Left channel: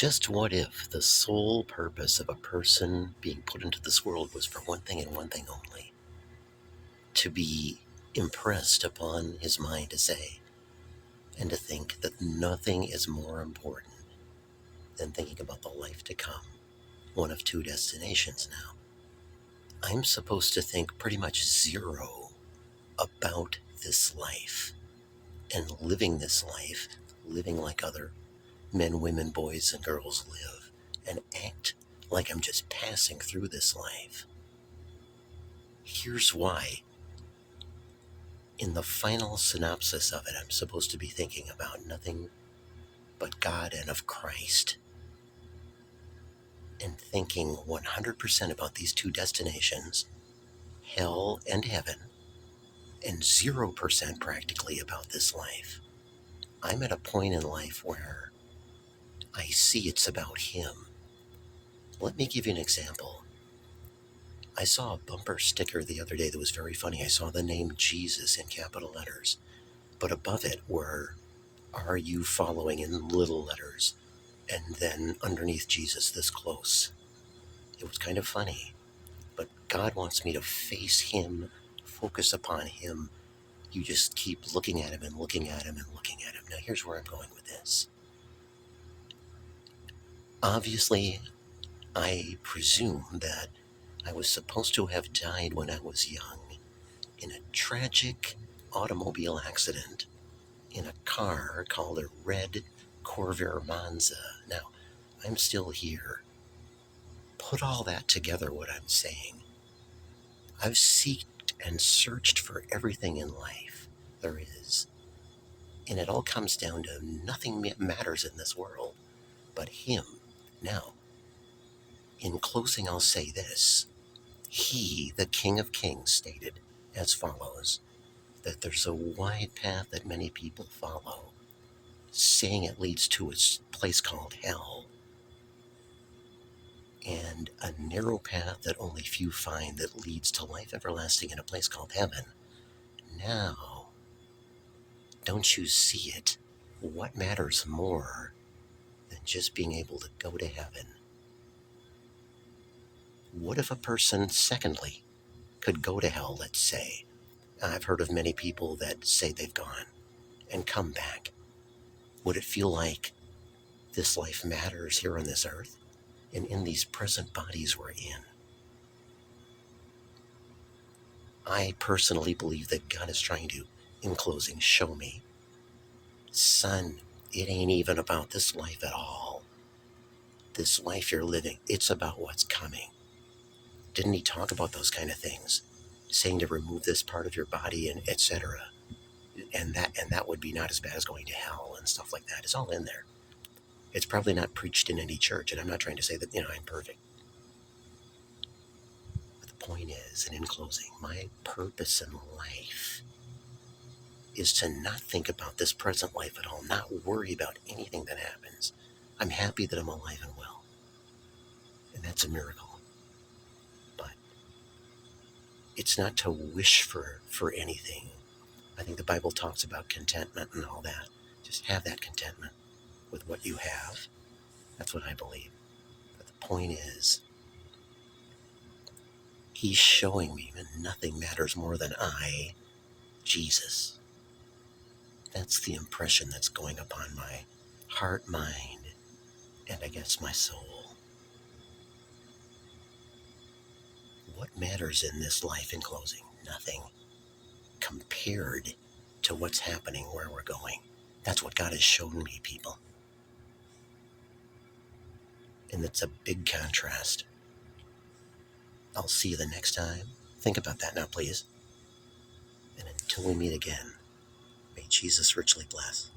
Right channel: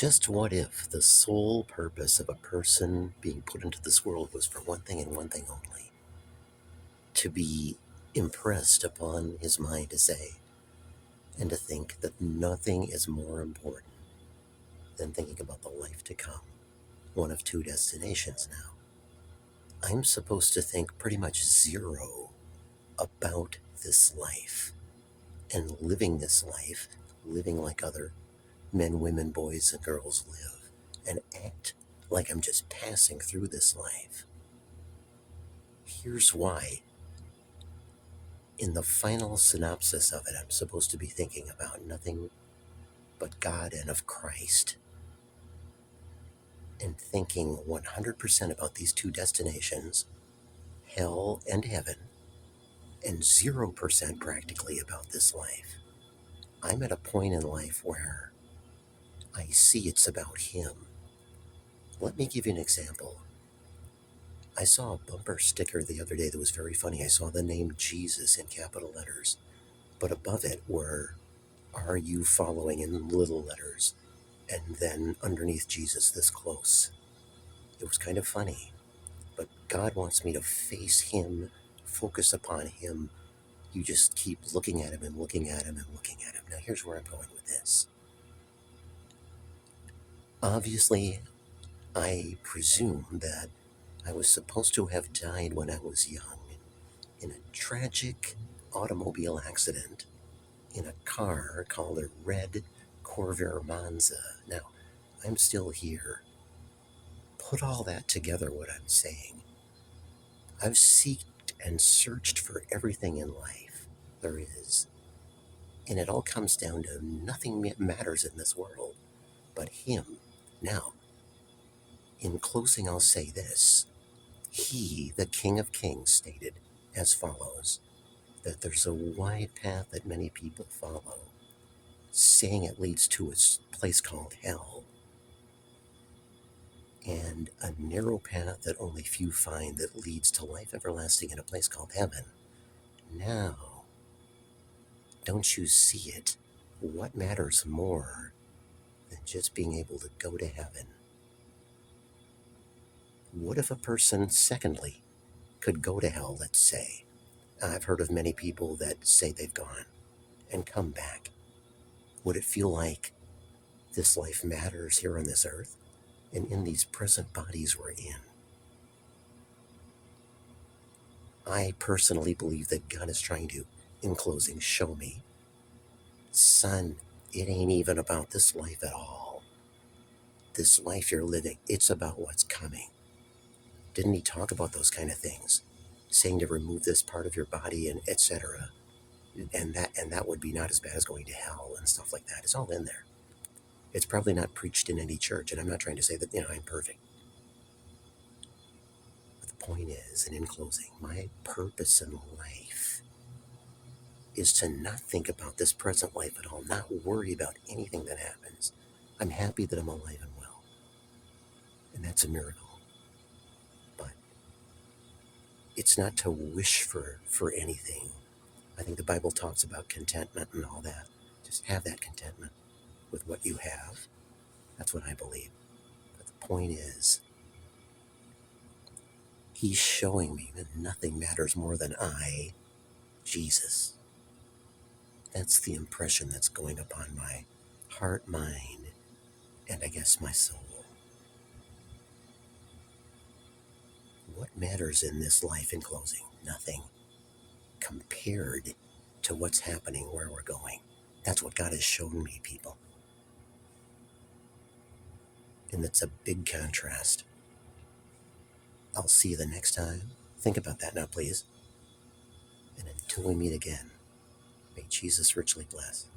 Just what if the sole purpose of a person being put into this world was for one thing and one thing only? To be impressed upon his mind to say, and to think that nothing is more important than thinking about the life to come. One of two destinations now. I'm supposed to think pretty much zero about this life and living this life, living like other men, women, boys, and girls live, and act like I'm just passing through this life. Here's why. In the final synopsis of it, I'm supposed to be thinking about nothing but God and of Christ, and thinking 100% about these two destinations, hell and heaven, and 0% practically about this life. I'm at a point in life where I see it's about Him. Let me give you an example. I saw a bumper sticker the other day that was very funny. I saw the name Jesus in capital letters, but above it were, "Are you following?" in little letters, and then underneath Jesus this close. It was kind of funny, but God wants me to face Him, focus upon Him. You just keep looking at Him and looking at Him and looking at Him. Now here's where I'm going with this. Obviously, I presume that I was supposed to have died when I was young in a tragic automobile accident in a car called a red Corvair Monza. Now, I'm still here. Put all that together, what I'm saying. I've seeked and searched for everything in life there is, and it all comes down to nothing matters in this world but Him. Now, in closing, I'll say this. He, the King of Kings, stated as follows, that there's a wide path that many people follow, saying it leads to a place called hell, and a narrow path that only few find that leads to life everlasting in a place called heaven. Now, don't you see it? What matters more than just being able to go to heaven? What if a person, secondly, could go to hell, let's say? I've heard of many people that say they've gone and come back. Would it feel like this life matters here on this earth and in these present bodies we're in? I personally believe that God is trying to, in closing, show me, son, it ain't even about this life at all. This life you're living, it's about what's coming. Didn't He talk about those kind of things? Saying to remove this part of your body and etc. And that would be not as bad as going to hell and stuff like that. It's all in there. It's probably not preached in any church, and I'm not trying to say that, I'm perfect. But the point is, and in closing, my purpose in life is to not think about this present life at all, not worry about anything that happens. I'm happy that I'm alive and well, and that's a miracle. But it's not to wish for anything. I think the Bible talks about contentment and all that. Just have that contentment with what you have. That's what I believe. But the point is, He's showing me that nothing matters more than I, Jesus. That's the impression that's going upon my heart, mind, and I guess my soul. What matters in this life, in closing? Nothing compared to what's happening where we're going. That's what God has shown me, people. And it's a big contrast. I'll see you the next time. Think about that now, please. And until we meet again, may Jesus richly bless.